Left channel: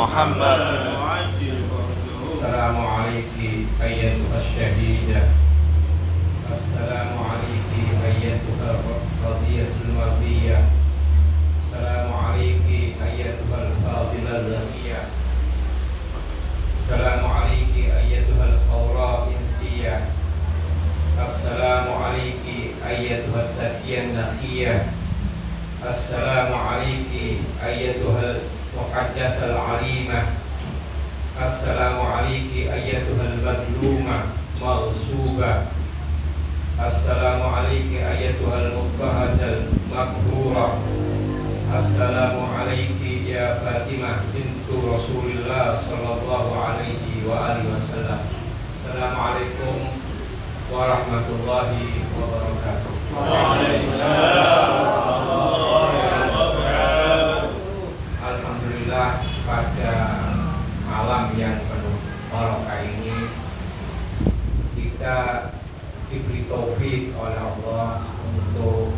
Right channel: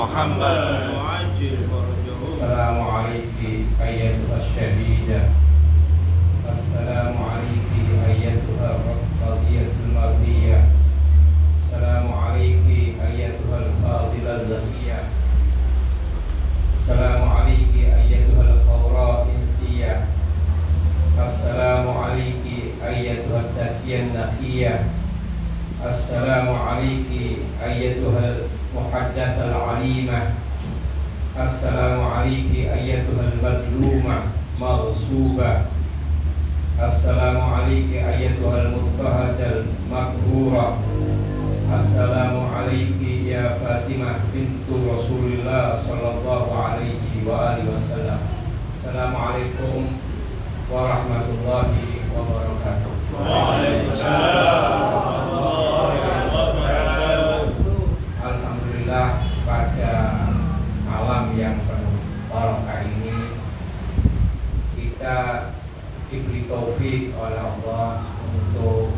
محمد. السلام عليك أيتها الشهيدة. السلام عليك أيتها القضية المرضية. السلام عليك أيتها الفاضلة الزكية. السلام عليك أيتها الخوراء إنسية. السلام عليك أيتها التقية النقية. السلام عليك أيتها المحدثة العليمة. السلام عليك أيتها المظلومة مغصوبة. السلام عليك أيتها المضطهدة المقهورة. السلام عليك يا فاطمة بنت رسول الله صلى الله عليه وآله وسلم. السلام عليكم ورحمة الله وبركاته. Alhamdulillah, pada malam yang penuh barokah ini kita diberi taufik oleh Allah untuk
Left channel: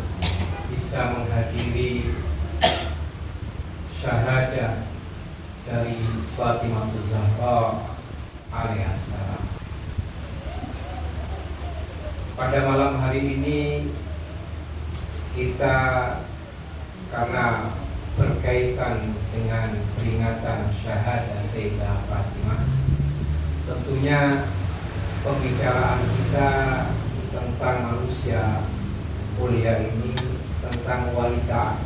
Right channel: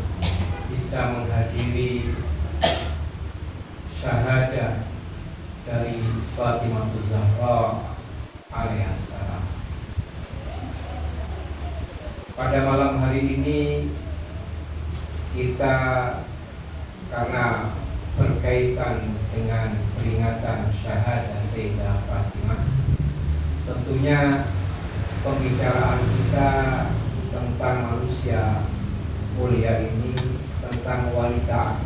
bisa menghadiri syahadah dari Fatimah Zahra alaihissalam. Pada malam hari ini kita, karena berkaitan dengan peringatan syahadah Sayyidah Fatimah, tentunya pembicaraan kita tentang manusia mulia ini, tentang wanita.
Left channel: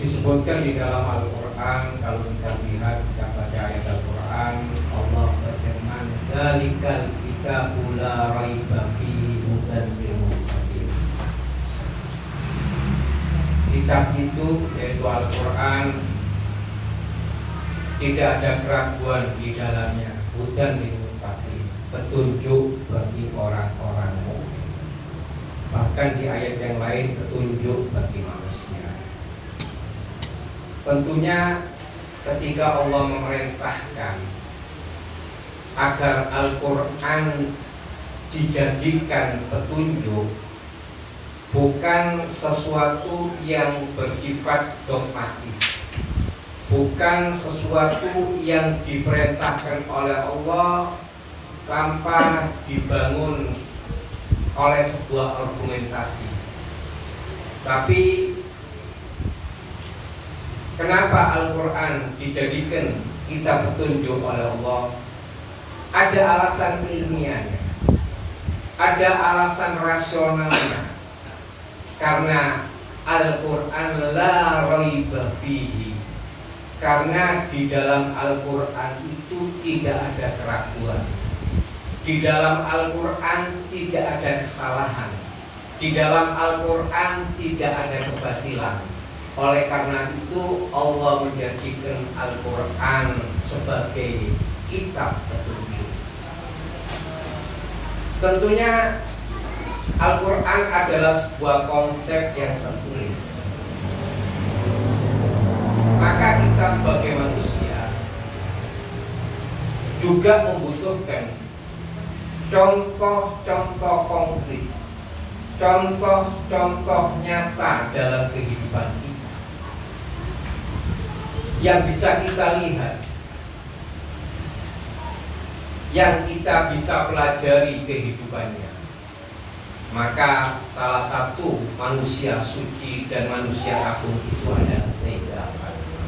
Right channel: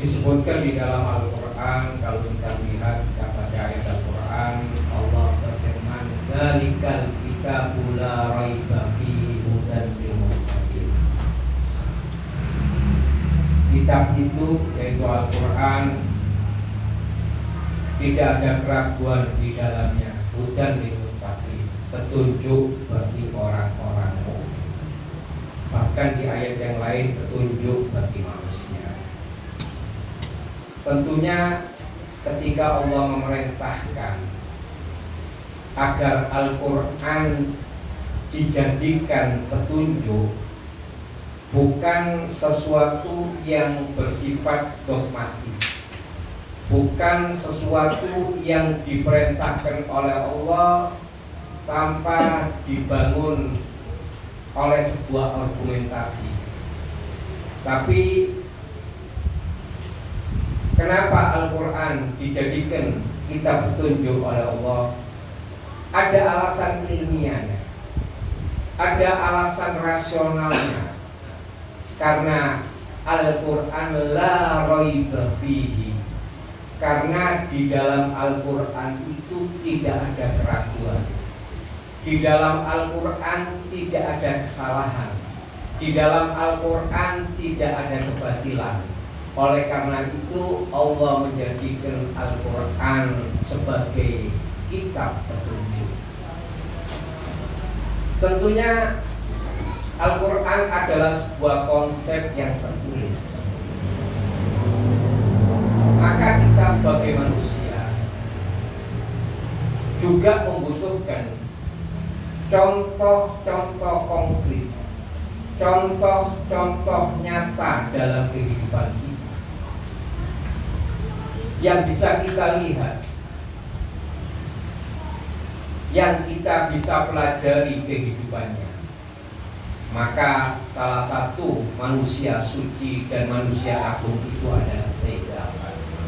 Disebutkan di dalam Al-Quran, kalau kita lihat pada ayat Al-Quran, Allah berfirman, "Dzalikal kitabu la raiba fihi hudan lil muttaqin." Kitab itu, yaitu Al-Quran, tidak ada keraguan di dalamnya, hudan lil muttaqin, petunjuk bagi orang-orang mukmin. Bahkan di ayat yang lain, petunjuk bagi manusia. Tentunya ketika Allah memerintahkan agar Al-Quran dijadikan petunjuk, bukan sesuatu yang bersifat dogmatis, bukan sesuatu yang diperintahkan oleh Allah tanpa dibangun oleh sebuah argumentasi. Tapi kenapa Al-Quran dijadikan kitab petunjuk oleh Allah? Ada alasan ilmiahnya, ada alasan rasionalnya. Karena Al-Quran la raiba fihi, karena di dalam Al-Quran itu tidak ada keraguan, di dalam Al-Quran tidak ada kesalahan, di dalam Al-Quran tidak ada kebatilan. Oleh karena itu Allah menjadikan Al-Quran sebagai kitab petunjuk. Tentunya Al-Quran adalah sebuah konsep yang tertulis. Maka kita sebagai manusia juga membutuhkan contoh-contoh konkret, contoh-contoh nyata dalam kehidupan kita yang bisa kita lihat, yang kita bisa pelajari kehidupannya. Maka salah satu manusia suci dan manusia agung itu adalah Sayyidah Fatimah.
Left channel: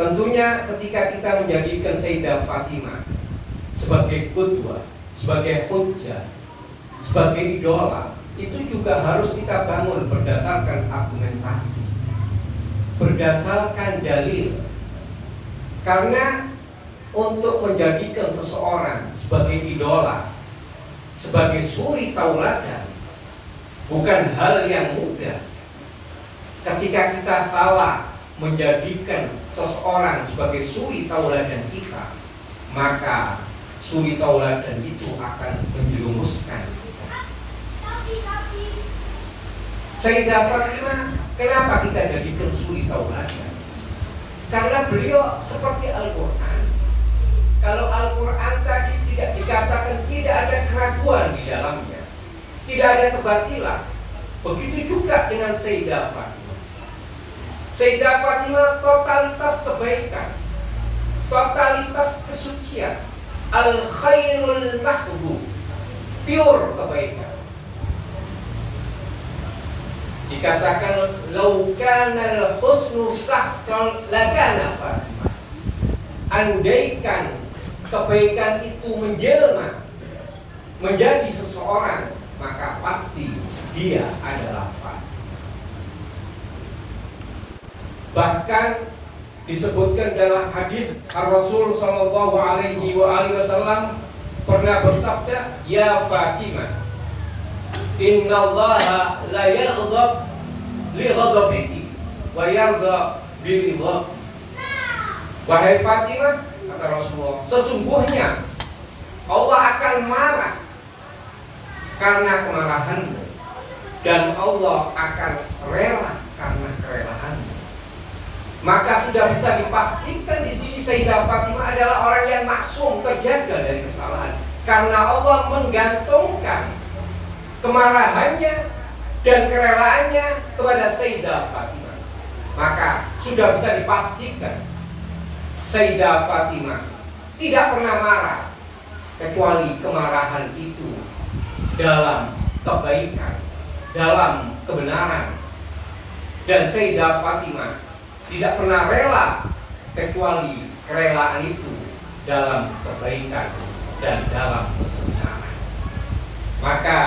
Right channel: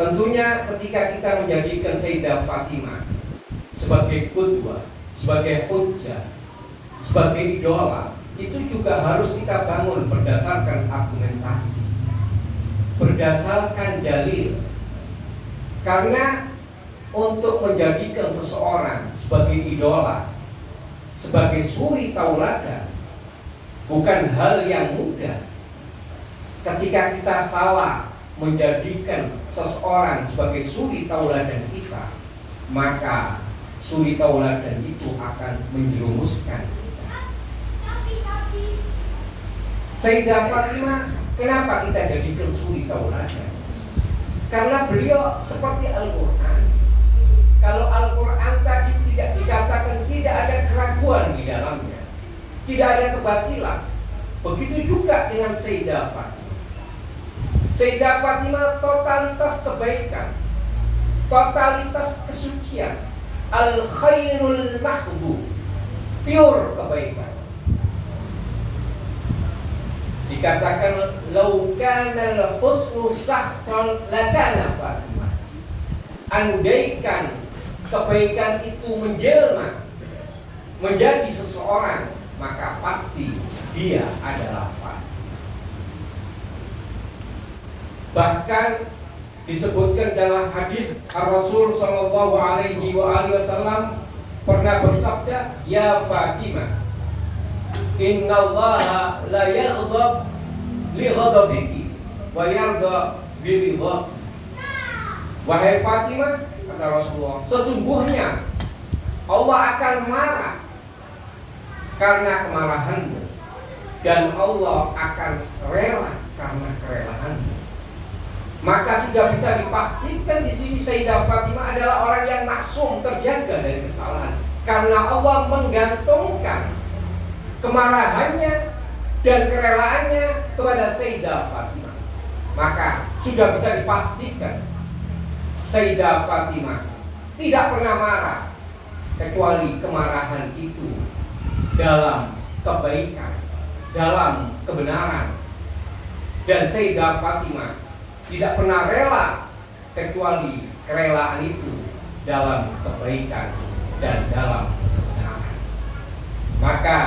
Tentunya ketika kita menjadikan Sayyidah Fatimah sebagai qudwah, sebagai hujjah, sebagai idola, itu juga harus kita bangun berdasarkan argumentasi, berdasarkan dalil. Karena untuk menjadikan seseorang sebagai idola, sebagai suri tauladan, bukan hal yang mudah. Ketika kita salah menjadikan seseorang sebagai suri tauladan kita, maka suri tauladan itu akan menjerumuskan kita. Sayyidah Fatimah, kenapa kita jadikan suri tauladan? Karena beliau seperti Al-Quran. Kalau Al-Quran tadi tidak dikatakan tidak ada keraguan di dalamnya, tidak ada kebatilan, Begitu juga dengan Sayyidah Fatimah. Sayyidah Fatimah totalitas kebaikan, totalitas kesucian, al-khairul mahbub, pure kebaikan. Dikatakan lau kana al-husnu sahsan lakana Fatimah. Andaikan kebaikan itu menjelma menjadi seseorang, maka pasti dia adalah Fatimah. Bahkan disebutkan dalam hadis Rasul sallallahu alaihi wasallam pernah bersabda, "Ya Fatimah, innallaha la yaghdab li ghadabiki wa yarda bi ridhaki." Wahai Fatimah, kata Rasulullah, sesungguhnya Allah akan marah karena kemarahanmu, dan Allah akan rela karena kerelaanmu. Maka sudah bisa dipastikan di sini Sayyidah Fatimah adalah orang yang maksum, terjaga dari kesalahan, karena Allah menggantungkan kemarahannya dan kerelaannya kepada Sayyidah Fatimah. Maka sudah bisa dipastikan Sayyidah Fatimah tidak pernah marah, kecuali kemarahan itu dalam kebaikan, dalam kebenaran. Dan Sayyidah Fatimah tidak pernah rela, kecuali kerelaan itu dalam kebaikan dan dalam kebenaran. Maka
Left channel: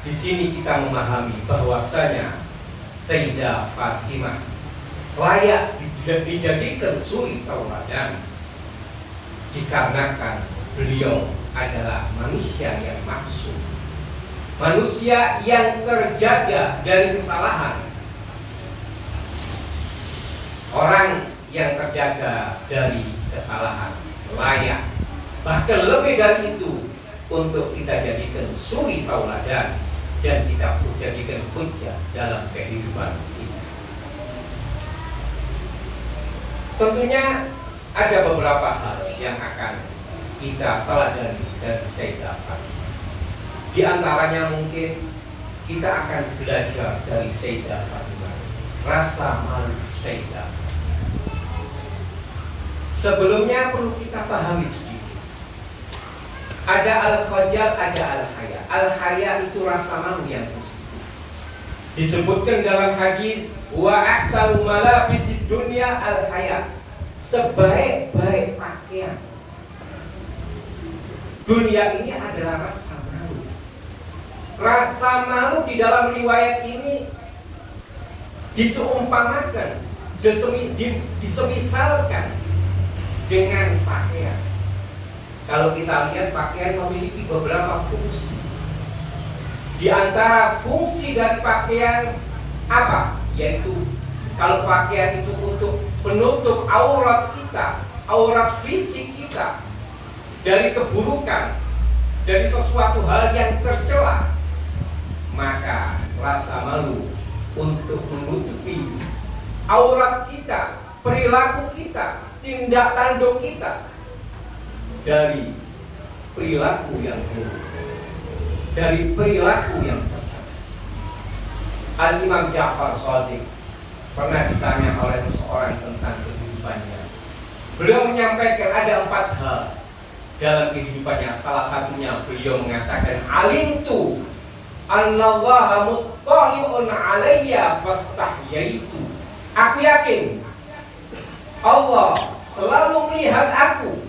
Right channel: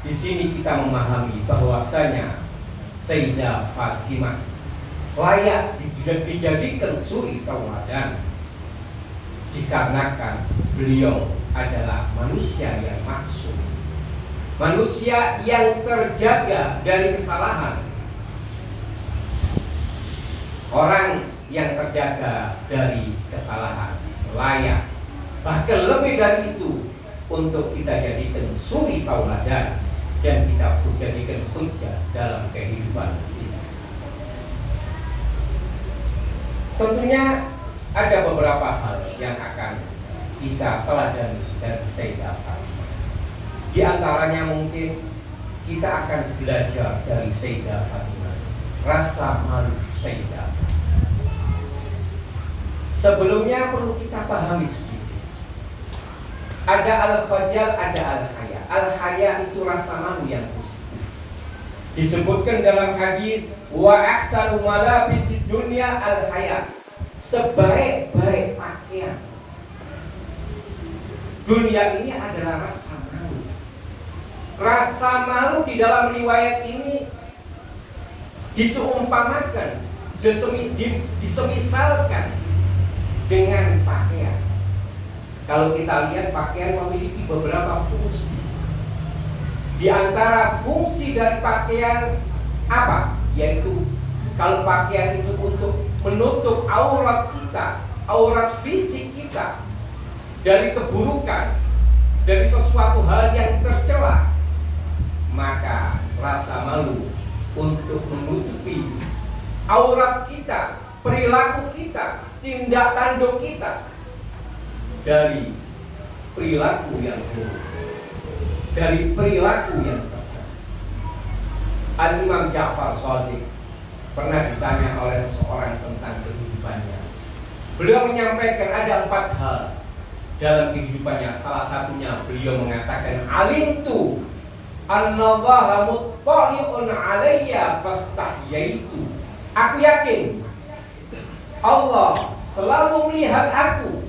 di sini kita memahami bahwasanya Sayyidah Fatimah layak dijadikan suri tauladan, dikarenakan beliau adalah manusia yang maksum, manusia yang terjaga dari kesalahan, orang yang terjaga dari kesalahan, layak, bahkan lebih dari itu, untuk kita jadikan suri tauladan dan kita jadikan hujjah dalam kehidupan kita. Tentunya ada beberapa hal yang akan kita teladani dari Sayyidah Fatimah. Di antaranya mungkin kita akan belajar dari Sayyidah Fatimah rasa malu Sayyidah Fatimah. Sebelumnya perlu kita pahami sedikit. Ada al-khajal, ada al-haya. Al-haya itu rasa malu yang positif. Disebutkan dalam hadis, wa ahsanu malabisid dunya al-haya. Sebaik-baik pakaian dunia ini adalah rasa malu. Rasa malu di dalam riwayat ini diseumpamakan, disemisalkan dengan pakaian. Kalau kita lihat, pakaian memiliki beberapa fungsi. Di antara fungsi dari pakaian apa? Yaitu kalau pakaian itu untuk menutup aurat kita, aurat fisik kita dari keburukan, dari sesuatu hal yang tercela, maka rasa malu untuk menutupi aurat kita, perilaku kita, tindak tanduk kita dari perilaku yang buruk, dari perilaku yang tercela. Al-Imam Ja'far Shadiq pernah ditanya oleh seseorang tentang kehidupannya. Beliau menyampaikan ada 4 hal dalam kehidupannya. Salah satunya beliau mengatakan, alimtu annallaha muttali'un alayya fastahyaitu. Aku yakin Allah selalu melihat aku.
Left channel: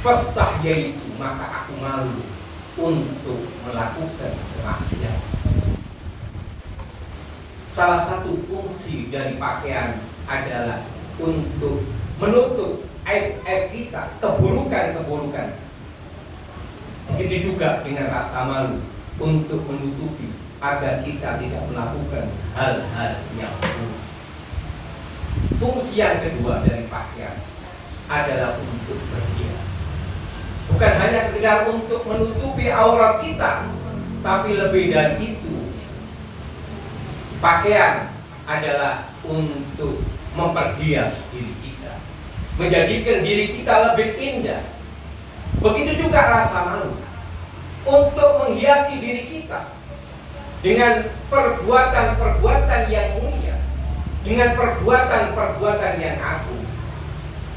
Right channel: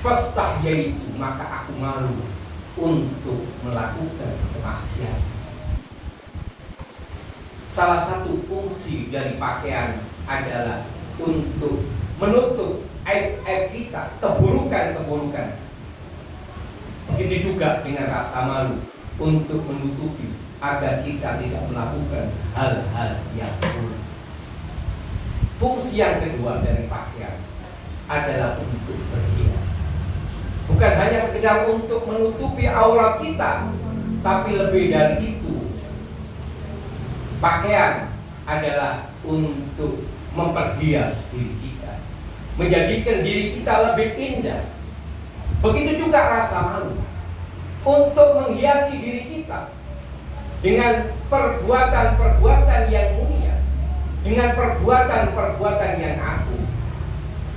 Fastahyaitu, maka aku malu untuk melakukan kemaksiatan. Salah satu fungsi dari pakaian adalah untuk menutup aib-aib kita, keburukan-keburukan. Begitu juga dengan rasa malu untuk menutupi agar kita tidak melakukan hal-hal yang buruk. Fungsi yang kedua dari pakaian adalah untuk berhias. Bukan hanya sekedar untuk menutupi aurat kita, tapi lebih dari itu, pakaian adalah untuk memperhias diri kita, menjadikan diri kita lebih indah. Begitu juga rasa malu untuk menghiasi diri kita, dengan perbuatan-perbuatan yang mulia, dengan perbuatan-perbuatan yang agung.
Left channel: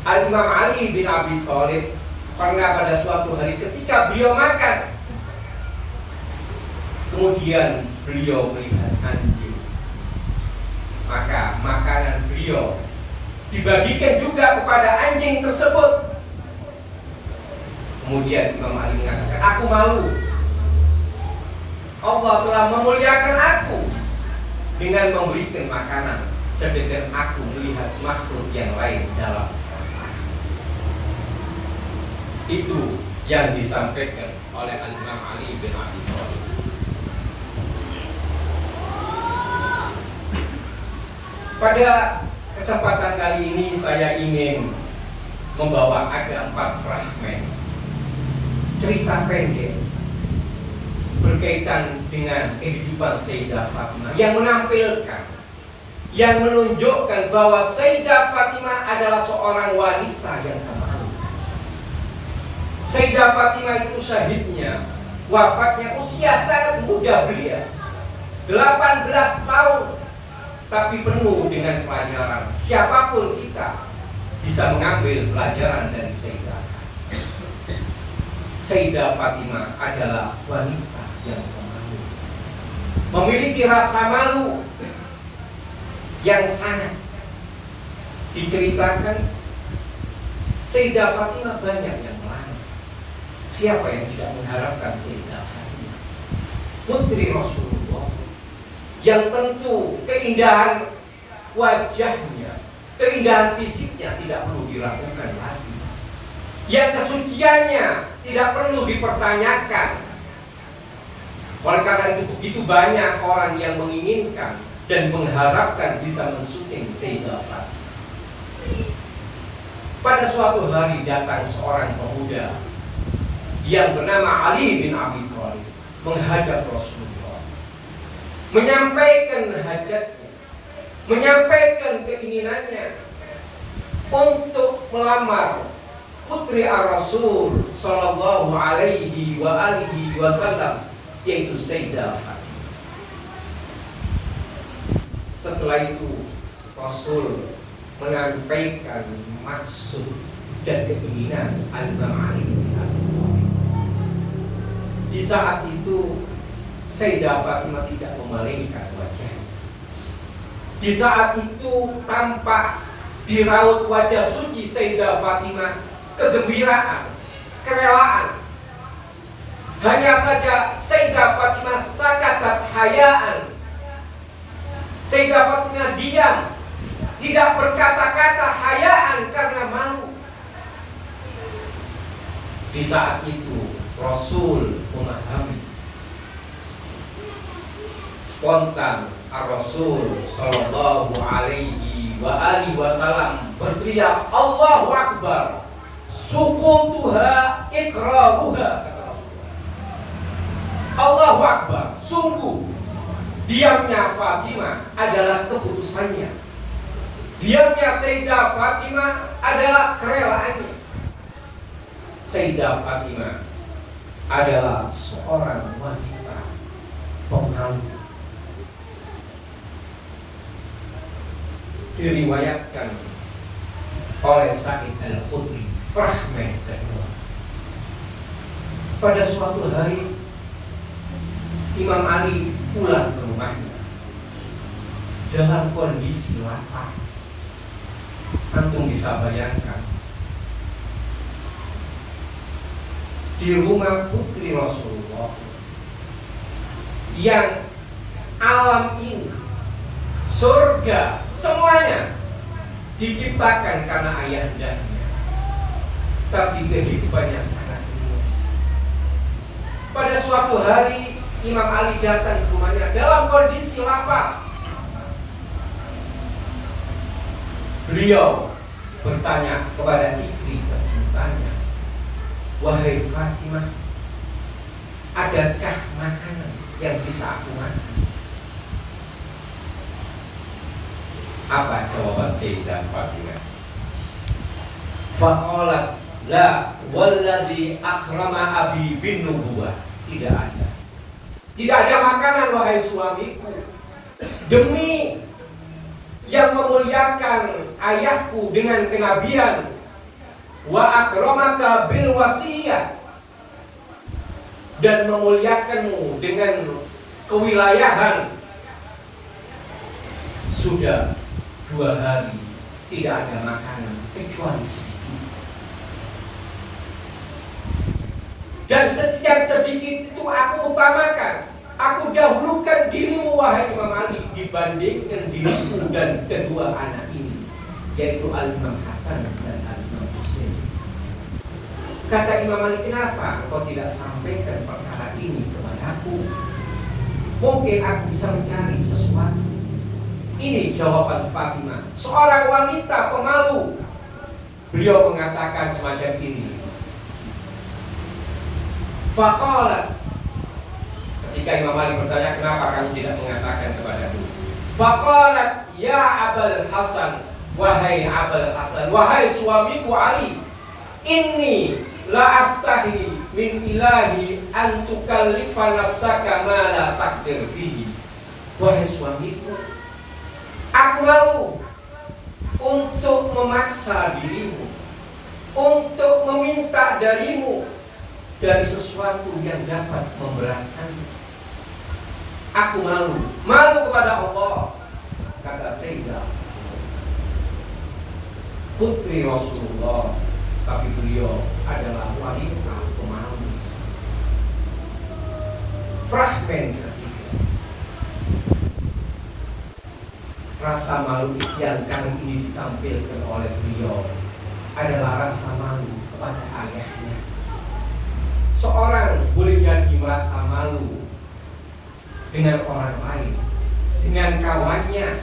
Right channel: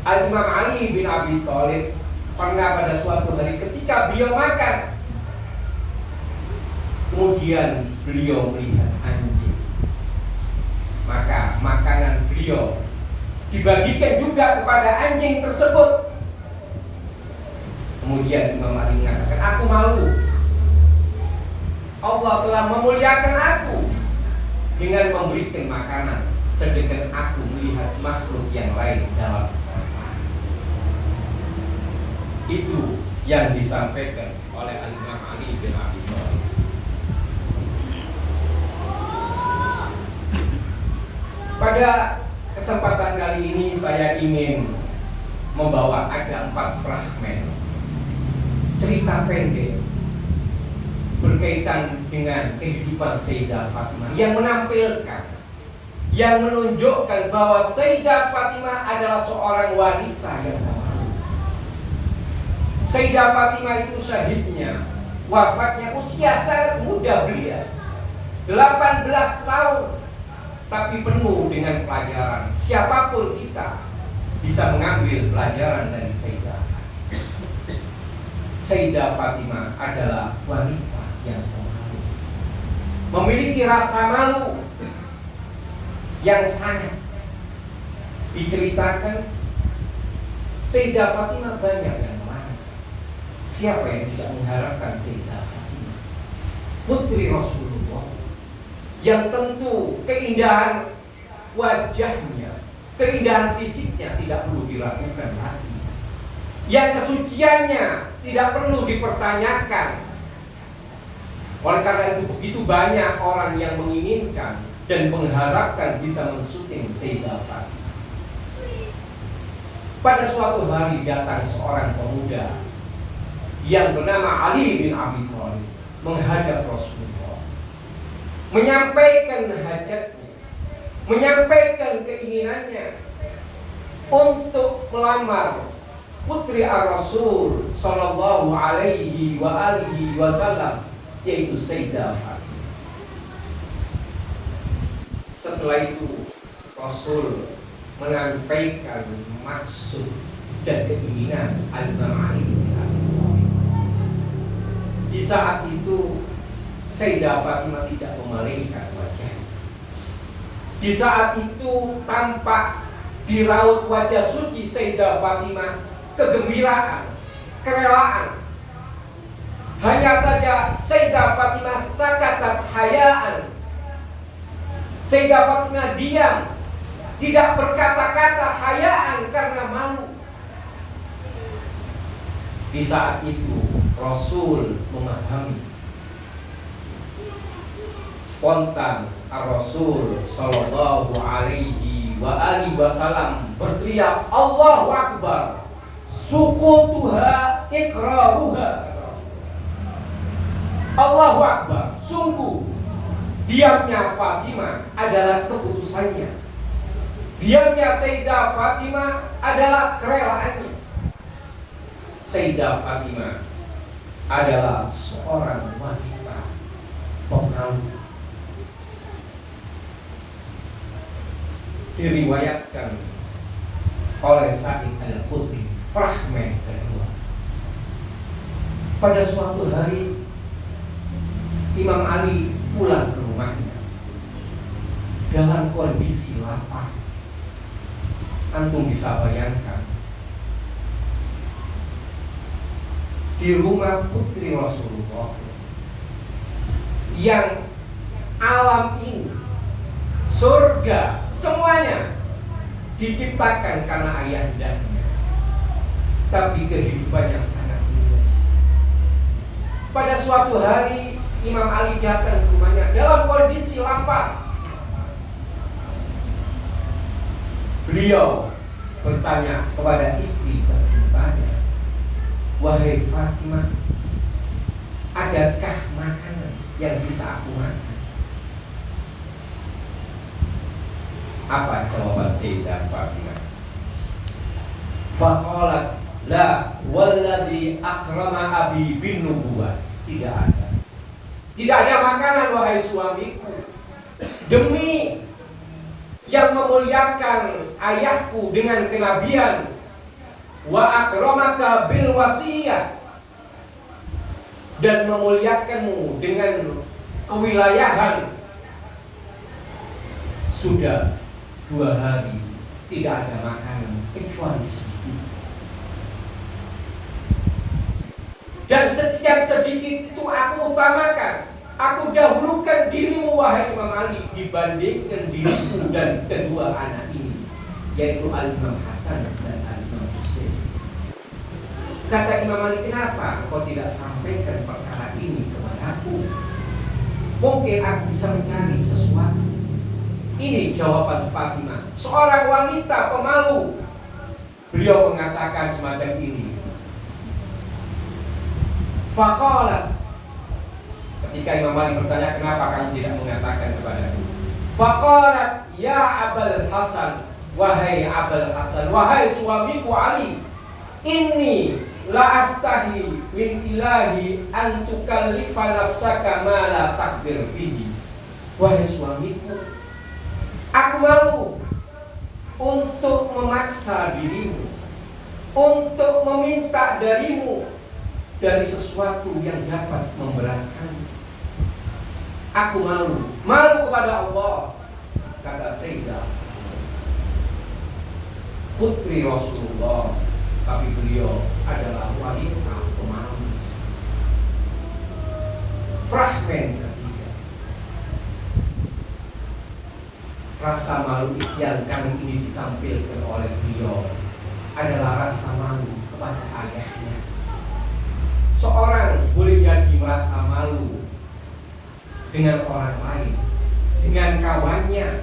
Al-Imam Ali bin Abi Thalib pernah pada suatu hari ketika beliau makan, kemudian beliau melihat anjing, maka makanan beliau dibagikan juga kepada anjing tersebut. Kemudian Imam Ali mengatakan, aku malu, Allah telah memuliakan aku dengan memberikan makanan, sedangkan aku melihat makhluk yang lain dalam kelaparan. Itu yang disampaikan oleh Imam Ali bin Abi Thalib. Pada kesempatan kali ini saya ingin membawa ada 4 fragmen cerita pendek berkaitan dengan kehidupan Sayyidah Fatimah yang menampilkan, yang menunjukkan bahwa Sayyidah Fatimah adalah seorang wanita yang pemalu. Sayyidah Fatimah itu syahidnya, wafatnya usia sangat muda belia, 18 tahun, tapi penuh dengan pelajaran. Siapapun kita bisa mengambil pelajaran dari Sayyidah Fatimah. Sayyidah Fatimah adalah wanita yang pemalu, memiliki rasa malu yang sangat. Diceritakan Sayyidah Fatimah banyak yang melayani. Siapa yang tidak mengharapkan Sayyidah Fatimah, putri Rasulullah, yang tentu keindahan wajahnya, keindahan fisiknya tidak perlu diragukan lagi, yang kesuciannya tidak perlu dipertanyakan. Oleh karena itu begitu banyak orang yang menginginkan dan mengharapkan bisa mensyuting Sayyidah Fatimah. Pada suatu hari datang seorang pemuda yang bernama Ali bin Abi Thalib menghadap Rasulullah, menyampaikan hajatnya, menyampaikan keinginannya untuk melamar putri Ar-Rasul sallallahu alaihi wa alihi wasallam, yaitu Sayyidah Fatimah. Setelah itu Rasul menyampaikan maksud dan keinginan Al-Imam Ali bin Abi Thalib. Di saat itu Sayyidah Fatimah tidak memalingkan wajahnya. Di saat itu tampak di raut wajah suci Sayyidah Fatimah kegembiraan, kerelaan. Hanya saja Sayyidah Fatimah sakatat hayaan. Sayyidah Fatimah diam, tidak berkata-kata, hayaan karena malu. Di saat itu Rasul memahami. Spontan Ar-Rasul sallallahu alaihi wa alihi wasallam berteriak, Allahu Akbar, sukutuha ikraruha. Allahu Akbar, sungguh diamnya Fatimah adalah keputusannya, diamnya Sayyidah Fatimah adalah kerelaannya. Sayyidah Fatimah adalah seorang wanita pemalu. Diriwayatkan oleh Sa'id Al-Khudri, fragmen kedua. Pada suatu hari Imam Ali pulang ke rumahnya dalam kondisi lapar. Antum bisa bayangkan, di rumah putri Rasulullah yang alam ini, surga, semuanya diciptakan karena ayahandanya, tapi kehidupannya sangat minus. Pada suatu hari Imam Ali datang ke rumahnya dalam kondisi lapar. Beliau bertanya kepada istri tercintanya, wahai Fatimah, adakah makanan yang bisa aku makan? Apa jawaban Sayyidah Fatimah? Faqalat la walladhi akrama abi bin nubuwah, tidak ada. Tidak ada makanan wahai suamiku, demi yang memuliakan ayahku dengan kenabian, wa akramaka bil wasiyah, dan memuliakanmu dengan kewilayahan. Sudah 2 hari tidak ada makanan kecuali sedikit. Dan setiap sedikit itu aku utamakan, aku dahulukan dirimu wahai Imam Ali dibandingkan dirimu dan kedua anak ini, yaitu Al-Imam Hasan dan Al-Imam Husain. Kata Imam Ali, kenapa engkau tidak sampaikan perkara ini kepadaku? Mungkin aku bisa mencari sesuatu. Ini jawaban Fatimah, seorang wanita pemalu. Beliau mengatakan semacam ini. Faqalat, ketika Imam Ali bertanya, kenapa kamu tidak mengatakan kepadaku? Faqalat, ya Abul Hasan, wahai Abul Hasan, wahai suamiku Ali, inni la astahi min ilahi an tukallifa nafsaka ma la taqdir bihi. Wahai suamiku, aku malu untuk memaksa dirimu, untuk meminta darimu dari sesuatu yang dapat memberatkanmu. Aku malu kepada Allah, kata Sayyidah putri Rasulullah, tapi beliau adalah wanita pemalu. Fragmen ketiga, rasa malu yang kali ini ditampilkan oleh beliau adalah rasa malu kepada ayahnya. Seorang boleh jadi merasa malu dengan orang lain, dengan kawannya.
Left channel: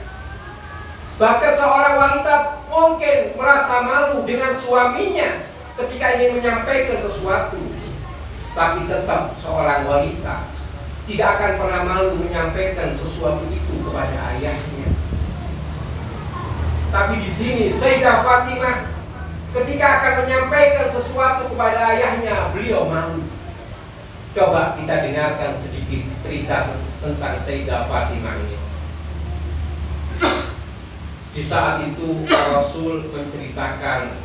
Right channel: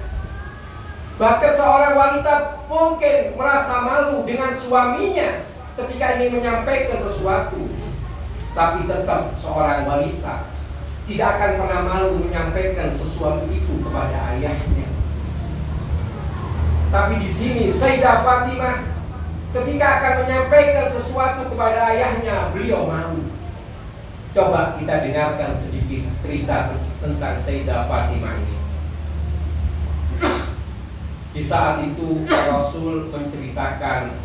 Bahkan seorang wanita mungkin merasa malu dengan suaminya ketika ingin menyampaikan sesuatu. Tapi tetap seorang wanita tidak akan pernah malu menyampaikan sesuatu itu kepada ayahnya. Tapi di sini Sayyidah Fatimah ketika akan menyampaikan sesuatu kepada ayahnya, beliau malu. Coba kita dengarkan sedikit cerita tentang Sayyidah Fatimah ini. Di saat itu Rasul menceritakan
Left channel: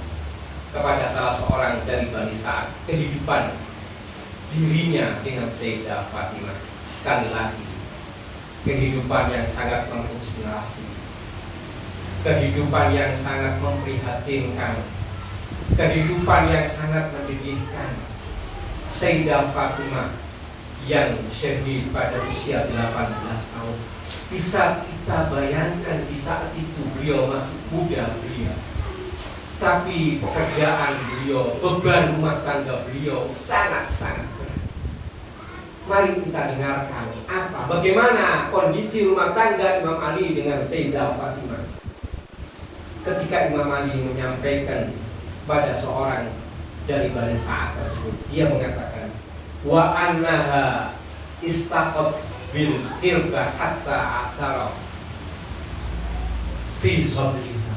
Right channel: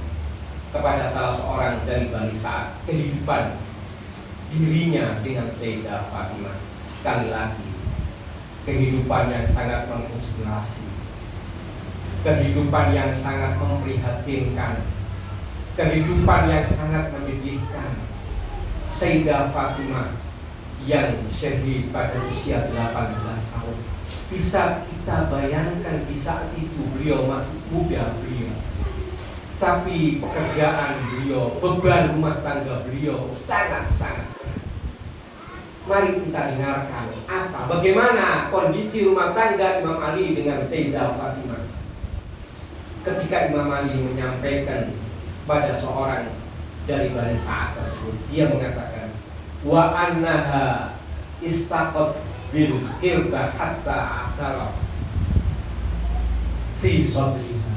kepada salah seorang dari Bani Sa'ad kehidupan dirinya dengan Sayyidah Fatimah. Sekali lagi, kehidupan yang sangat menginspirasi, kehidupan yang sangat memprihatinkan, kehidupan yang sangat menyedihkan. Sayyidah Fatimah yang syahid pada usia 18 tahun. Bisa kita bayangkan di saat itu beliau masih muda belia, tapi pekerjaan beliau, beban rumah tangga beliau sangat-sangat berat. Mari kita dengarkan bagaimana kondisi rumah tangga Imam Ali dengan Sayyidah Fatimah. Ketika Imam Ali menyampaikan pada seorang dari Bani Sa'ad tersebut, dia mengatakan, wa annaha istaqat bil hirba hatta atara fi sadriha.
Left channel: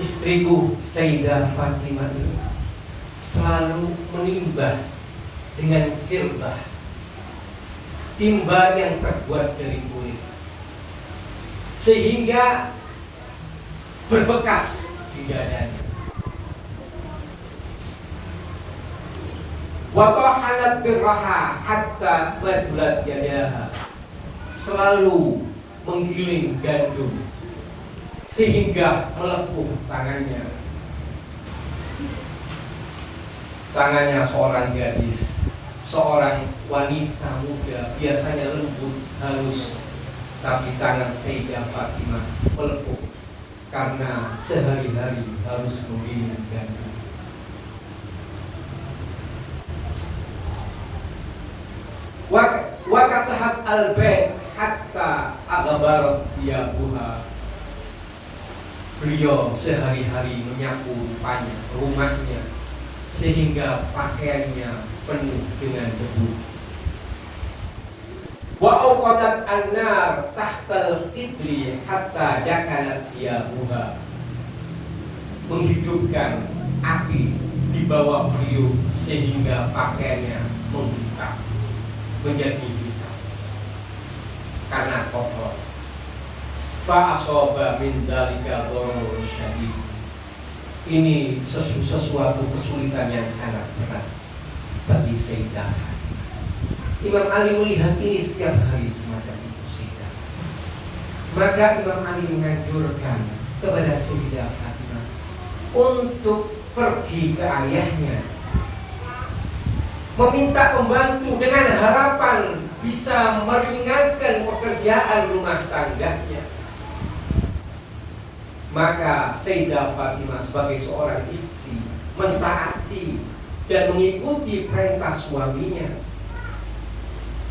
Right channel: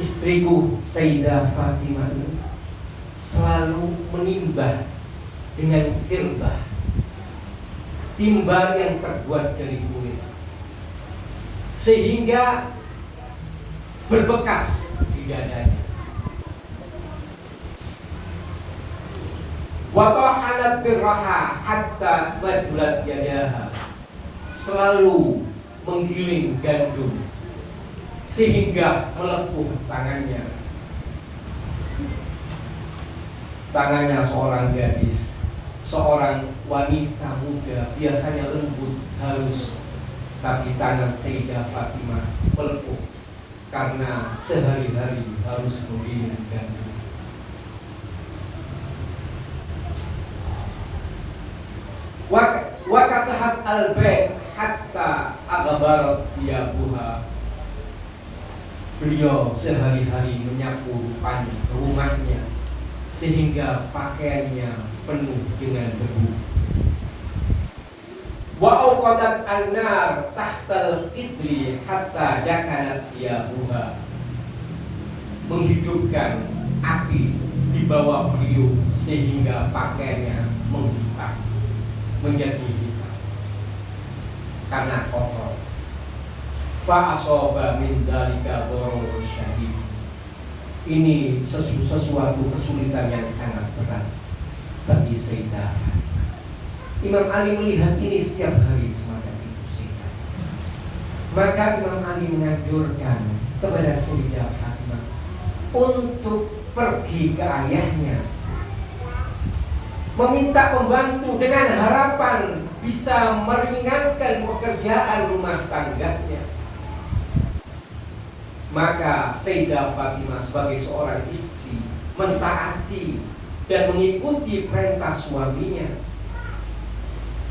Istriku Sayyidah Fatimah ini selalu menimbah dengan hirbah, timba yang terbuat dari kulit, sehingga berbekas di dadanya. Wa tahanat birraha hatta majulat yadaha, selalu menggiling gandum sehingga melepuh tangannya. Tangannya seorang gadis, seorang wanita muda biasanya lembut, halus, tapi tangan Sayyidah Fatimah melepuh karena sehari-hari harus menggiling gandum. Wa kasahat al-bait hatta aghbarat siyabuha. Beliau sehari-hari menyapu rupanya rumahnya sehingga pakaiannya penuh dengan debu. Wa awqadat an-nar tahtal qidri hatta dakanat siyabuha. Menghidupkan api di bawah beliau sehingga pakaiannya menghitam. menjadi hitam karena kotor. Fa asoba min dzalika ghururun syadid. Ini sesuatu kesulitan yang sangat berat bagi Sayyidah Fatimah. Imam Ali melihat ini setiap hari semacam itu Sayyidah Fatimah. Maka Imam Ali menganjurkan kepada Sayyidah Fatimah untuk pergi ke ayahnya, meminta pembantu dengan harapan bisa meringankan pekerjaan rumah tangganya. Maka Sayyidah Fatimah sebagai seorang istri mentaati dan mengikuti perintah suaminya.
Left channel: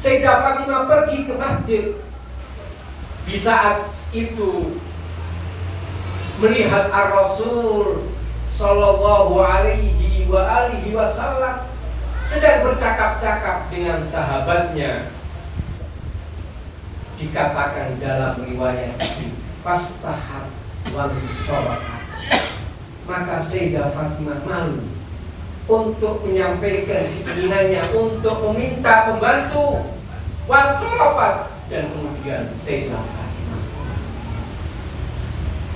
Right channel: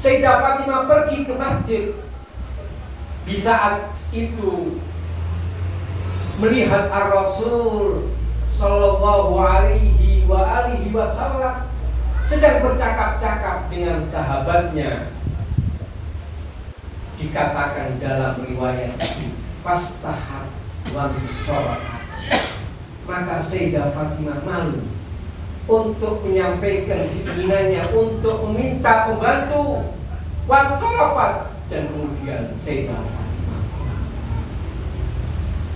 Sayyidah Fatimah pergi ke masjid. Di saat itu melihat Ar-Rasul Sallallahu alaihi wasallam sedang bercakap-cakap dengan sahabatnya. Dikatakan dalam riwayat itu, fastahar wali sholat. Maka Sayyidah Fatimah malu untuk menyampaikan keinginannya untuk meminta pembantu wasofat, dan kemudian Sayyidah Fatimah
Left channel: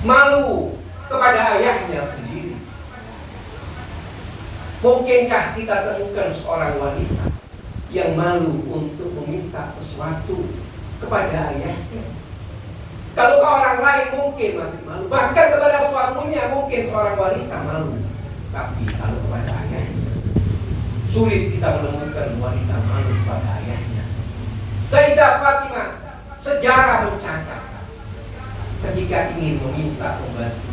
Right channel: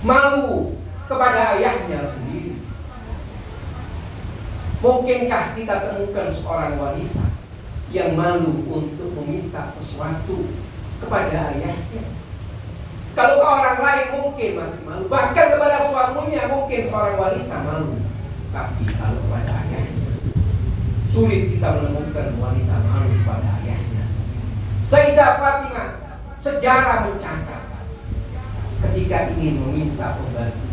malu kepada ayahnya sendiri. Mungkinkah kita temukan seorang wanita yang malu untuk meminta sesuatu kepada ayahnya? Kalau ke orang lain mungkin masih malu, bahkan kepada suaminya mungkin seorang wanita malu. Tapi kalau kepada ayahnya, sulit kita menemukan wanita malu kepada ayahnya. Sayyidah Fatimah, sejarah mencatat ketika ingin meminta pembantu,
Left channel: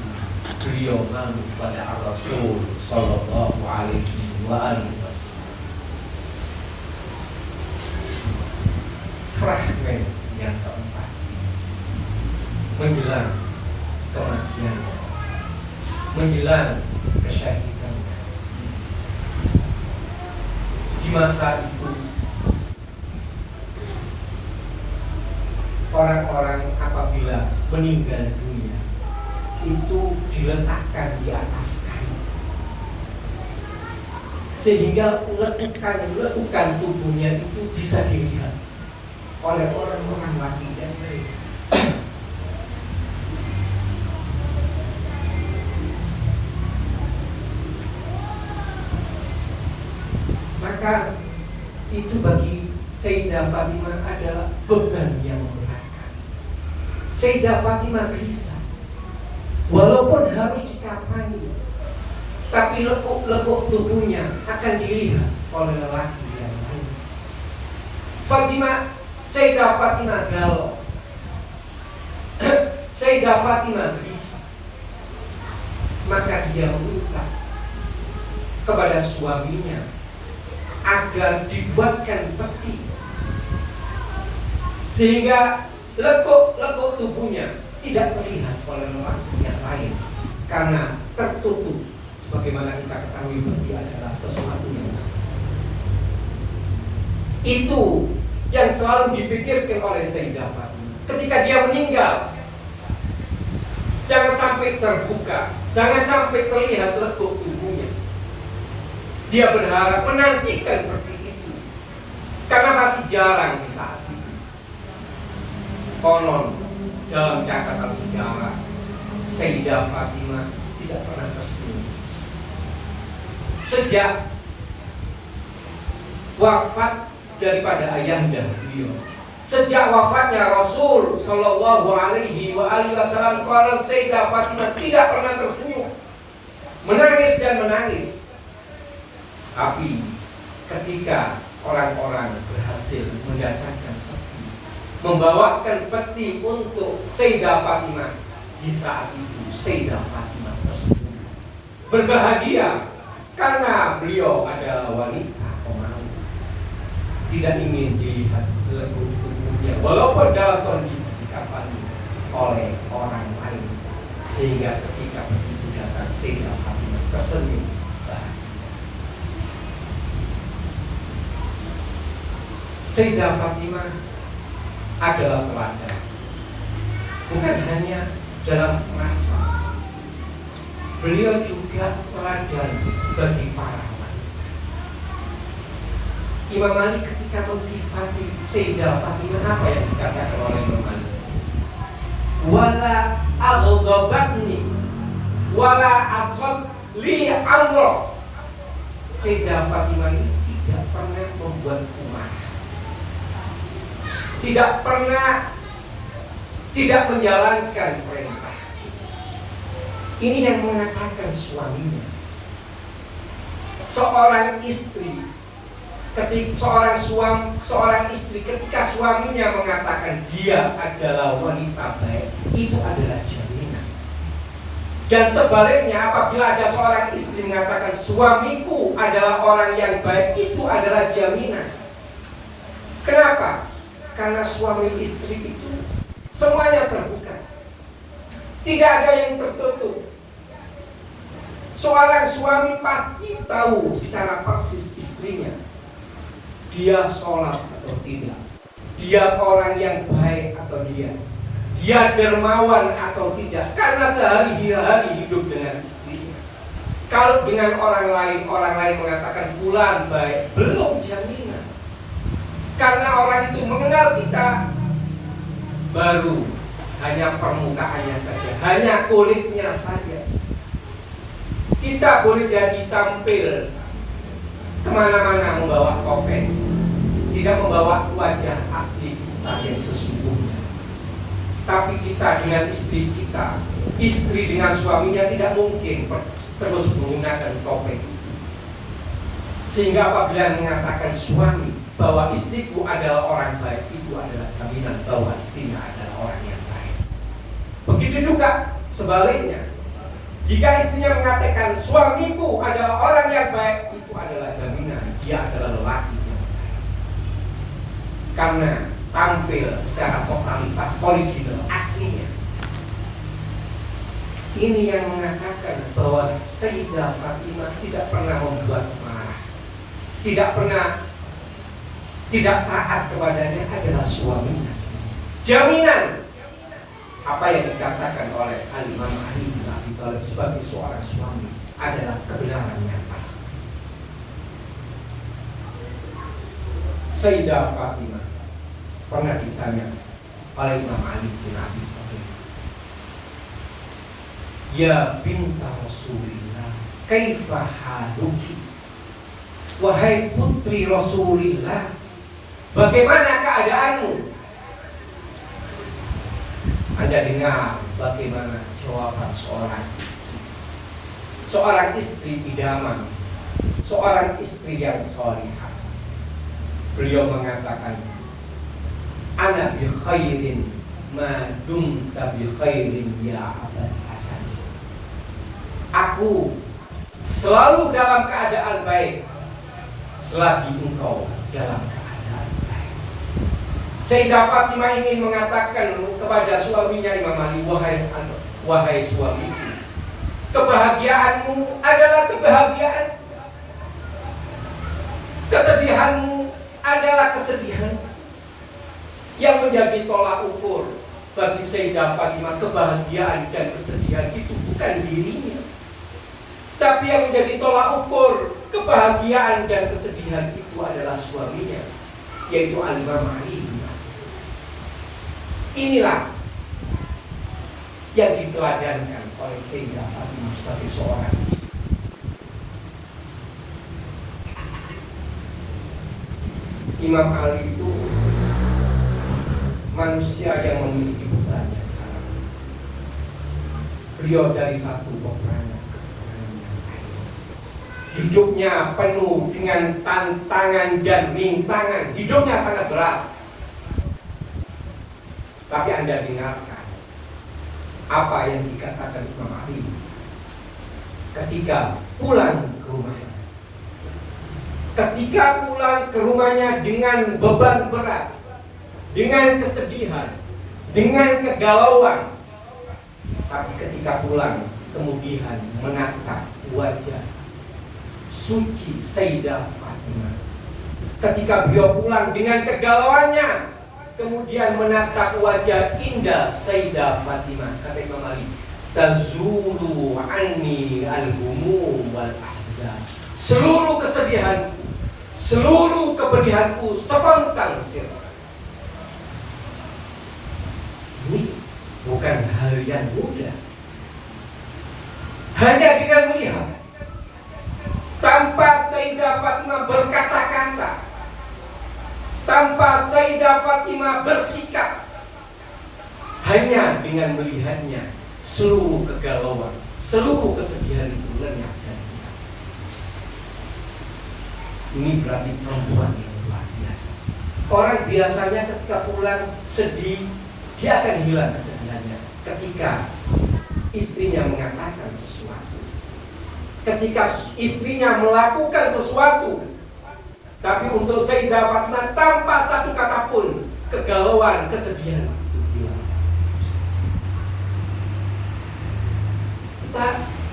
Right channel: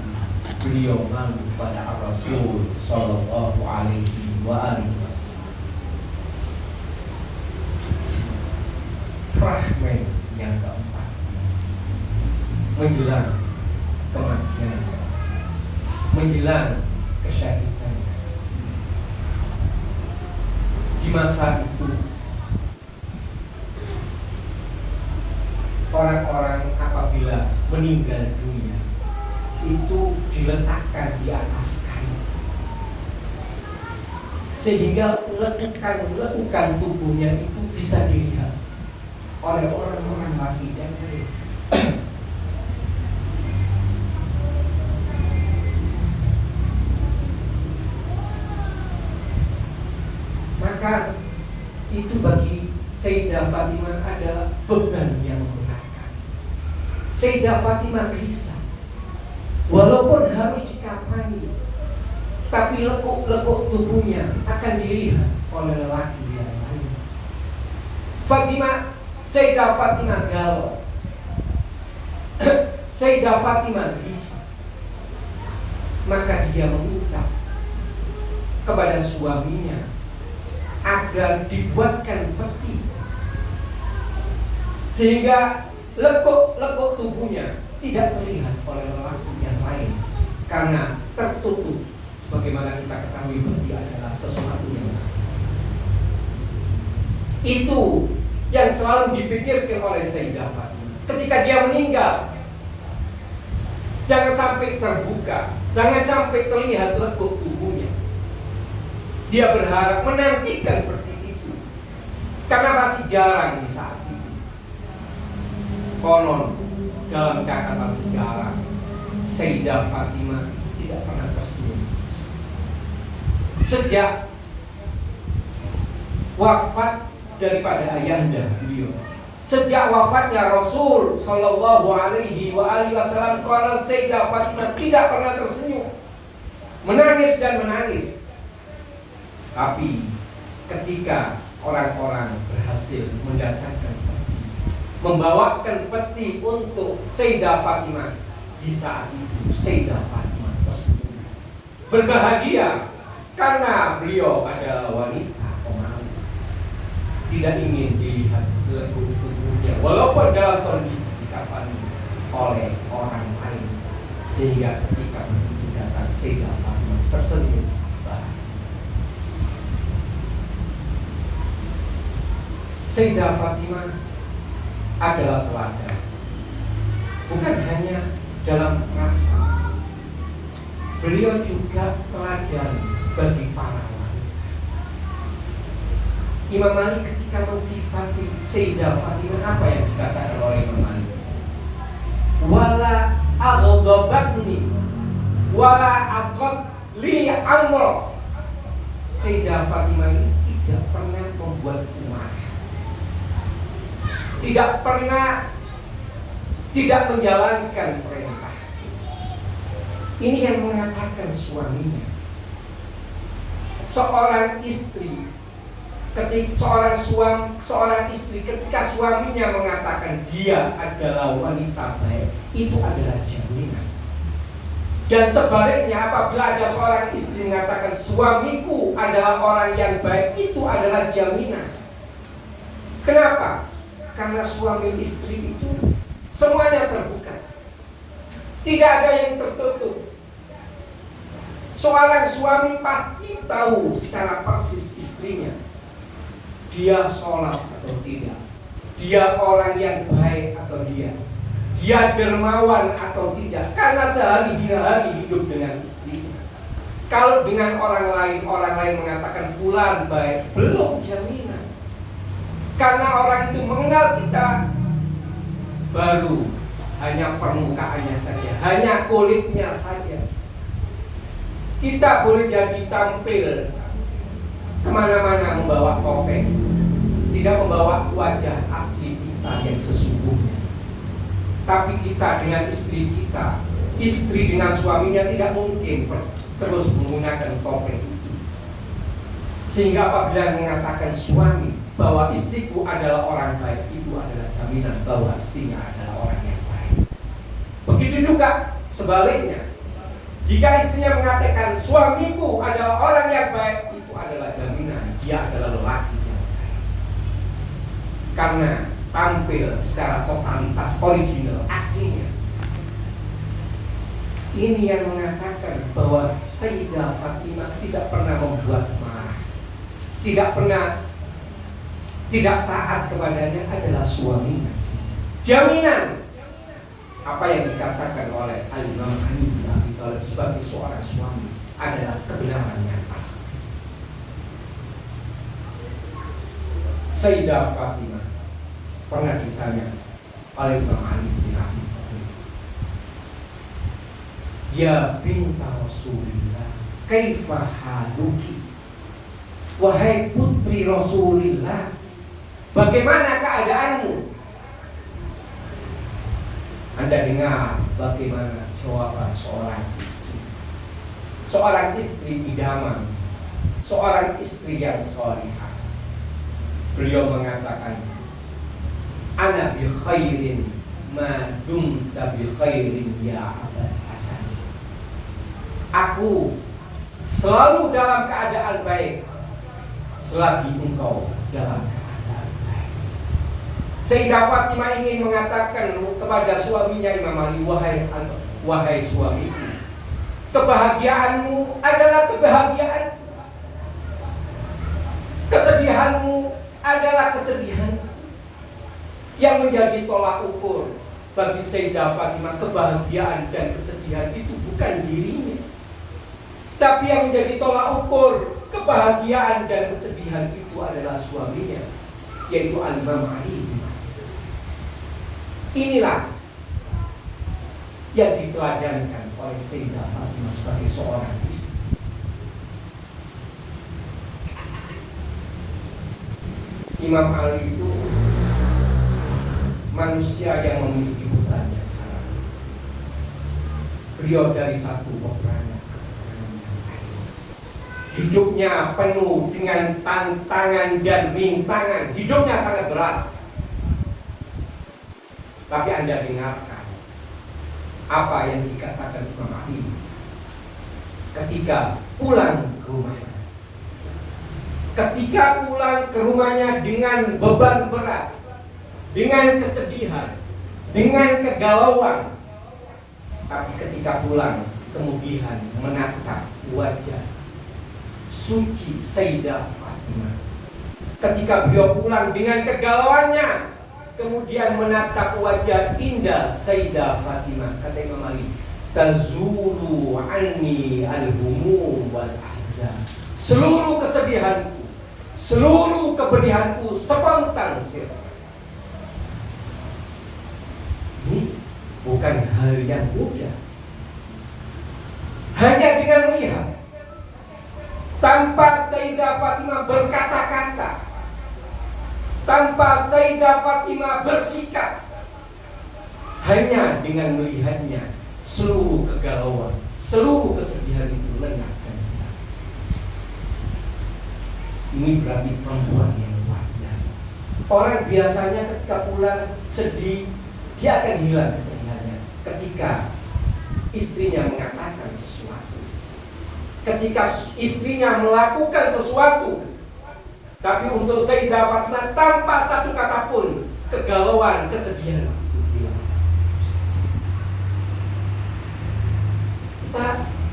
beliau malu kepada Rasul Sallallahu alaihi wasallam. Fragmen yang keempat, menjelang kematian, menjelang kesyahidan. Di masa itu orang-orang apabila meninggal dunia itu diletakkan di atas kain, sehingga lekukan tubuhnya itu bisa dilihat oleh orang-orang laki dan perempuan. Maka itu bagi Sayyidah Fatimah adalah beban yang memberatkan. Sayyidah Fatimah gelisah, walaupun harus dikafani, tapi lekuk-lekuk tubuhnya akan dilihat oleh lelaki yang lain. Sayyidah Fatimah galau. Sayyidah Fatimah gelisah. Maka dia meminta kepada suaminya agar dibuatkan peti, sehingga lekuk-lekuk tubuhnya tidak terlihat oleh lelaki yang lain, karena tertutup. Sebagaimana kita ketahui, peti adalah sesuatu yang itu yang selalu dipikirkan oleh Sayyidah Fatimah. Ketika dia meninggal, jangan sampai terbuka, jangan sampai terlihat lekuk tubuhnya. Dia berharap menantikan seperti itu, karena masih jarang di saat itu. Konon dalam catatan sejarah, Sayyidah Fatimah tidak pernah tersenyum sejak wafat daripada ayahnya beliau. Sejak wafatnya Rasul Sallallahu alaihi wasallam, konon Sayyidah Fatimah tidak pernah tersenyum, menangis dan menangis. Tapi ketika orang-orang berhasil mendatangkan peti, membawakan peti untuk Sayyidah Fatimah, di saat itu Sayyidah Fatimah tersenyum berbahagia, karena beliau adalah wanita pemalu, tidak ingin dilihat lekuk tubuhnya walaupun dalam kondisi dikafani oleh orang lain. Sehingga ketika begitu datang, Sayyidah Fatimah tersenyum. Sayyidah Fatimah adalah teladan, bukan hanya dalam rasa, beliau juga teladan bagi para wanita Imam Ali ketika mensifati Sayyidah Fatimah, apa yang dikatakan oleh Imam Ali? Wala aghdabatni wala asad li amro. Sayyidah Fatimah ini tidak pernah membuatku marah, tidak pernah tidak menjalankan perintah. Ini yang mengatakan suaminya. Seorang istri seorang istri ketika suaminya mengatakan dia adalah wanita baik, itu adalah jaminan. Dan sebaliknya, apabila ada seorang istri mengatakan suamiku adalah orang yang baik, itu adalah jaminan. Kenapa? Karena suami istri itu semuanya terbuka, tidak ada yang tertutup. Seorang suami pasti tahu secara persis istrinya, dia sholat atau tidak, dia orang yang baik atau dia dermawan atau tidak, karena sehari-hari hidup dengan istrinya. Kalau dengan orang lain mengatakan fulan baik, belum jaminan. Karena orang itu mengenal kita baru hanya permukaannya saja, hanya kulitnya saja. Kita boleh jadi tampil kemana-mana membawa topeng, tidak membawa wajah asli kita yang sesungguhnya. Tapi kita dengan istri kita, istri dengan suaminya tidak mungkin terus menggunakan topeng. Sehingga apabila mengatakan suami bahwa istriku adalah orang baik, itu adalah jaminan bahwa istrinya adalah orang yang baik. Begitu juga sebaliknya, jika istrinya mengatakan suamiku adalah orang yang baik, itu adalah jaminan dia adalah lelaki yang baik. Karena tampil secara totalitas original aslinya. Ini yang mengatakan bahwa Sayyidah Fatimah tidak pernah membuat marah, tidak taat kepadanya adalah suaminya. Jaminan apa yang dikatakan oleh Imam Ali bin Abi Thalib sebagai seorang suami adalah kebenaran yang pasti. Sayyidah Fatimah pernah ditanya oleh Imam Ali bin Abi Thalib, ya binta Rasulillah, kaifa haluki? Wahai putri Rasulillah, bagaimana keadaanmu? Anda dengar bagaimana jawaban seorang istri. Seorang istri idaman, seorang istri yang salihah. Beliau mengatakan, ana bi khairin ma dumta bi khairin ya Abul Hasan. Aku selalu dalam keadaan baik selagi engkau dalam keadaan baik. Sayyidah Fatimah ingin mengatakan kepada suaminya Imam Ali, wahai suamiku, kebahagiaanmu adalah kebahagiaan, kesedihanmu adalah kesedihan. Yang menjadi tolak ukur bagi Sayyidah Fatimah, kebahagiaan dan kesedihan itu bukan dirinya, tapi yang menjadi tolak ukur kebahagiaan dan kesedihan itu adalah suaminya, yaitu Imam Ali. Inilah yang diteladankan oleh Sayyidah Fatimah sebagai seorang istri. Imam Ali itu manusia yang memiliki beban yang sangat. Beliau dari satu peperangan ke peperangan yang lain. Hidupnya penuh dengan tantangan dan rintangan. Hidupnya sangat berat. Tapi Anda dengarkan apa yang dikatakan Imam Ali ketika pulang ke rumahnya. Ketika pulang ke rumahnya dengan beban berat, dengan kesedihan, dengan kegalauan, tapi ketika pulang kemudian menatap wajah suci Sayyidah Fatimah. Ketika beliau pulang dengan kegalauannya, kemudian menatap wajah indah Sayyidah Fatimah, kata Imam Ali, tazulu anni al-humum wal ahzan. Seluruh kesedihanku, seluruh kepedihanku sepontang sirna. Ini bukan hal yang mudah. Hanya dengan melihat, tanpa Sayyidah Fatimah berkata-kata, tanpa Sayyidah Fatimah bersikap, hanya dengan melihatnya, seluruh kegalauan, seluruh kesedihan itu lenyap dan hilang. Ini berarti perempuan yang luar biasa. Orang biasanya ketika pulang sedih, dia akan hilang kesedihannya ketika istrinya mengatakan sesuatu, ketika istrinya melakukan sesuatu. Tapi untuk Sayyidah Fatimah, tanpa satu kata pun kegalauan, kesedihan itu hilang.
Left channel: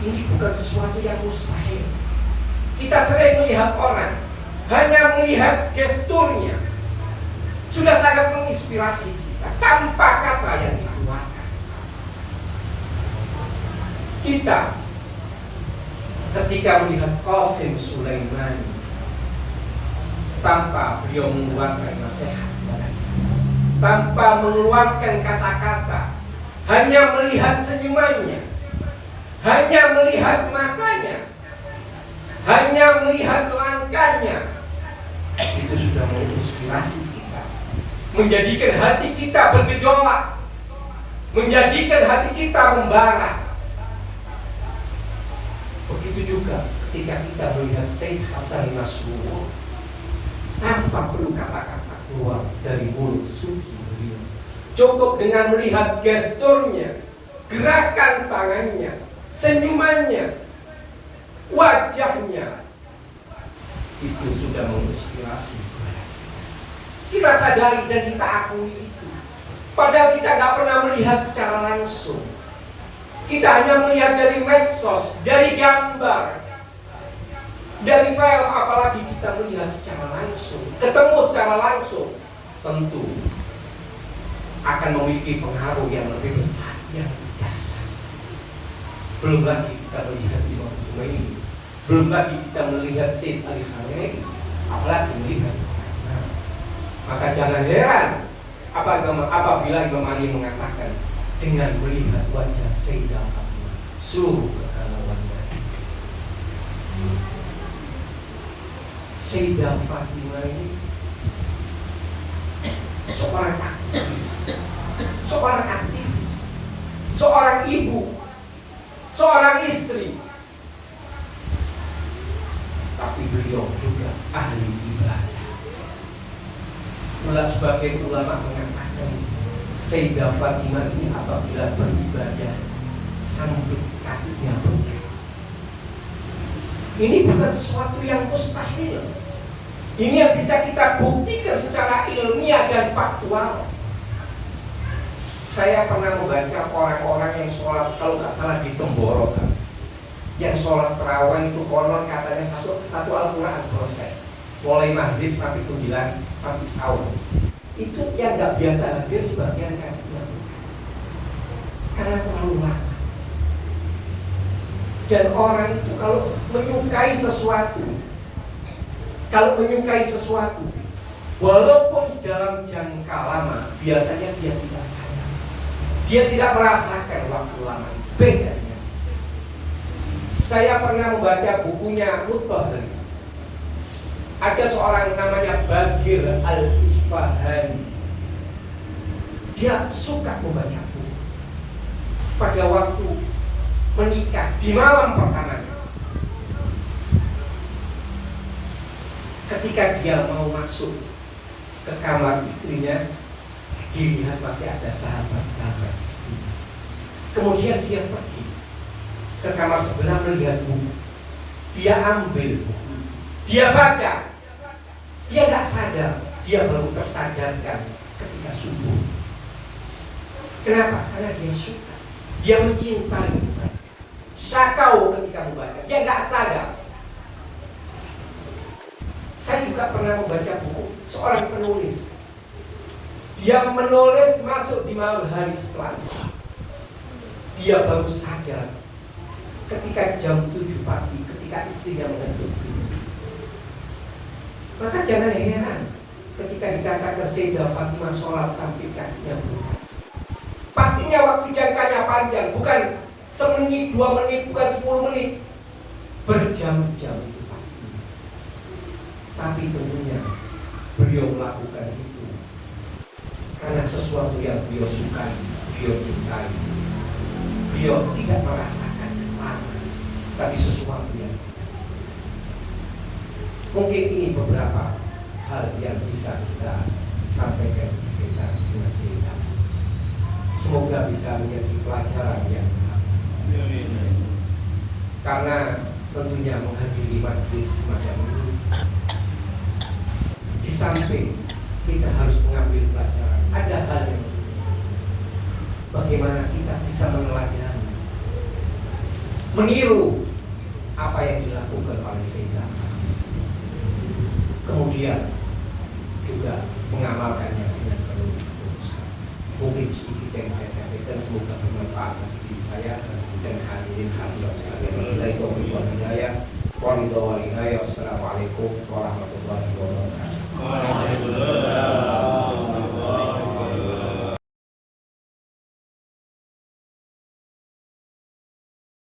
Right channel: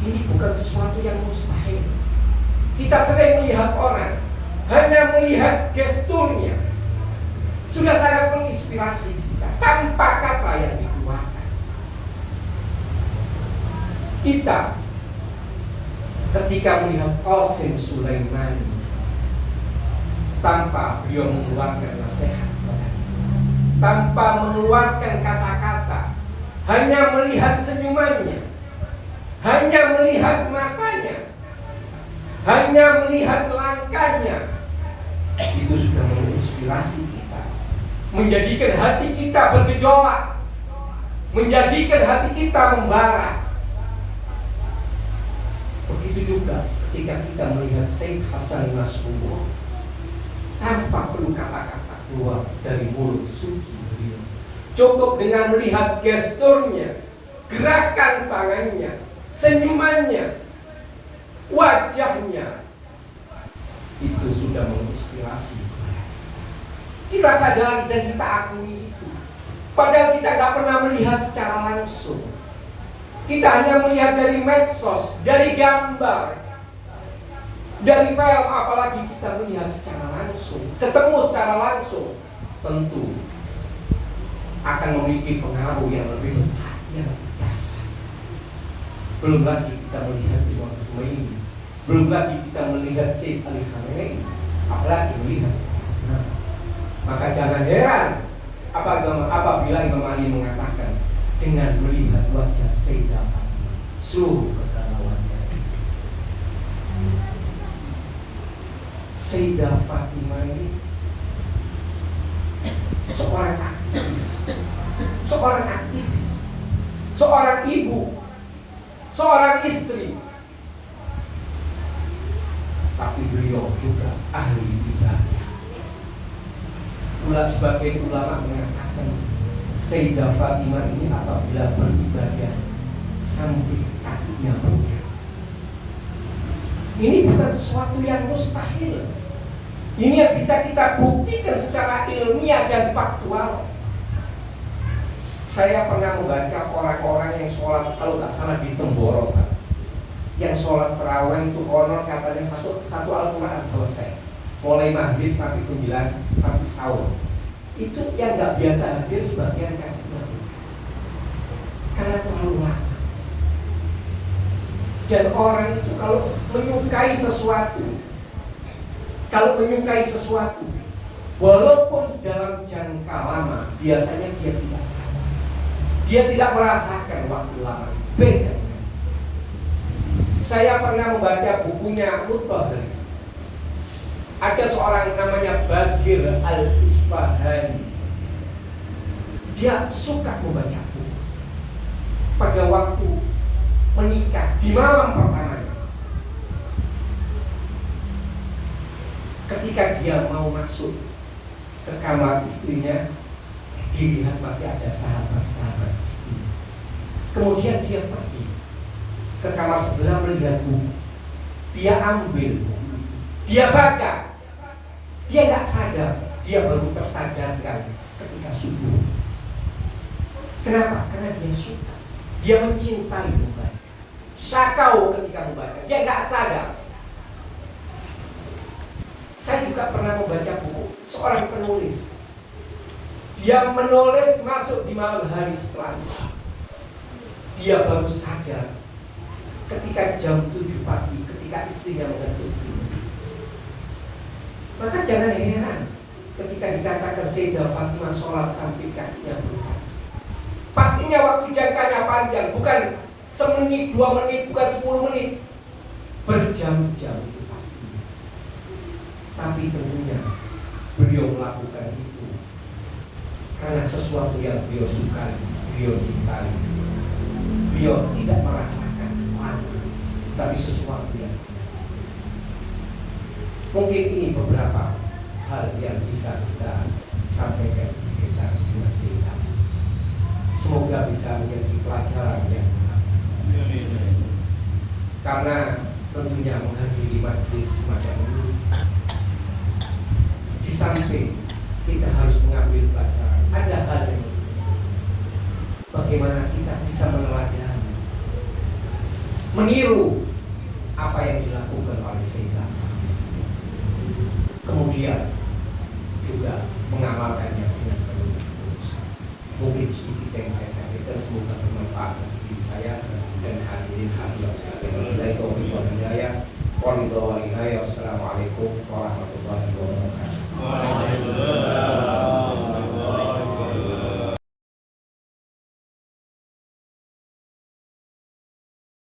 Ini bukan sesuatu yang mustahil. Kita sering melihat orang, hanya melihat gesturnya sudah sangat menginspirasi kita tanpa kata yang dikeluarkan. Kita ketika melihat Qasim Sulaiman, tanpa beliau mengeluarkan nasihat kepada kita, tanpa mengeluarkan kata-kata, hanya melihat senyumannya, hanya melihat matanya, hanya melihat langkahnya, itu sudah menginspirasi kita, menjadikan hati kita bergejolak, menjadikan hati kita membara. Begitu juga ketika kita melihat Syekh Hasan Nasrullah, tanpa perlu kata-kata keluar dari mulut suci beliau, cukup dengan melihat gesturnya, gerakan tangannya, senyumannya, wajahnya, itu sudah menginspirasi kepada kita. Kita sadari dan kita akui itu. Padahal kita nggak pernah melihat secara langsung. Kita hanya melihat dari medsos, dari gambar, dari film. Apalagi kita melihat secara langsung, ketemu secara langsung, tentu akan memiliki pengaruh yang lebih besar, yang biasa. Belum lagi kita melihat Imam Khomeini, belum lagi kita melihat Syed Ali Khamenei, apalagi melihat Imam. Maka jangan heran apabila Imam Ali mengatakan, dengan melihat wajah Sayyidah Fatimah, seluruh kegalauannya. Sayyidah Fatimah ini seorang aktivis, seorang ibu, seorang istri, tapi beliau juga ahli ibadah. Pula sebagian ulama mengatakan Sayyidah Fatimah ini apabila beribadah sampai kakinya bengkak. Ini bukan sesuatu yang mustahil. Ini yang bisa kita buktikan secara ilmiah dan faktual. Saya pernah membaca orang-orang yang sholat, kalau nggak salah di Temboro sana, yang sholat terawih itu konon katanya satu Al-Quran selesai, mulai maghrib sampai 9 sampai sahur. Itu yang nggak biasa hadir sebagian kan, karena terlalu lama. Dan orang itu kalau menyukai sesuatu, walaupun dalam jangka lama, biasanya dia tidak sadar, dia tidak merasakan waktu lama itu. Bedanya, saya pernah membaca bukunya Mutahari. Ada seorang namanya Bagir Al-Isfahani. Dia suka membaca buku. Pada waktu menikah, di malam pertamanya, ketika dia mau masuk ke kamar istrinya, dilihat masih ada sahabat-sahabat istrinya. Kemudian dia pergi ke kamar sebelah melihat buku. Dia ambil buku, dia baca. Dia nggak sadar, dia baru tersadarkan ketika subuh. Kenapa? Karena dia suka, dia mencintai buku. Sakau ketika membaca, dia nggak sadar. Saya juga pernah membaca buku seorang penulis. Dia menulis masuk di malam hari setelah Isya. Dia baru sadar ketika jam 7 pagi, ketika istrinya menuntut pintu. Maka jangan heran ketika dikatakan Sayyidah Fatimah sholat sampai kakinya bengkak. Pastinya waktu jangkanya panjang, bukan semenit, 2 menit, bukan 10 menit, berjam-jam itu pastinya. Tapi tentunya beliau melakukan itu karena sesuatu yang beliau sukai, beliau cintai. Beliau tidak merasakan lama, tapi sesuatu yang sia-sia. Mungkin ini beberapa hal yang bisa kita sampaikan tentang Sayyidah. Semoga bisa menjadi pelajaran yang karena tentunya menghadiri majelis semacam ini, di samping kita harus mengambil pelajaran, ada hal yang bagaimana kita bisa meneladani, meniru apa yang dilakukan oleh Sayyidah, kemudian juga mengamalkannya dengan penuh ketulusan. Mungkin sedikit yang saya sampaikan, semoga bermanfaat bagi saya dan hadirin hadirat sekalian. Wassalamualaikum warahmatullahi wabarakatuh.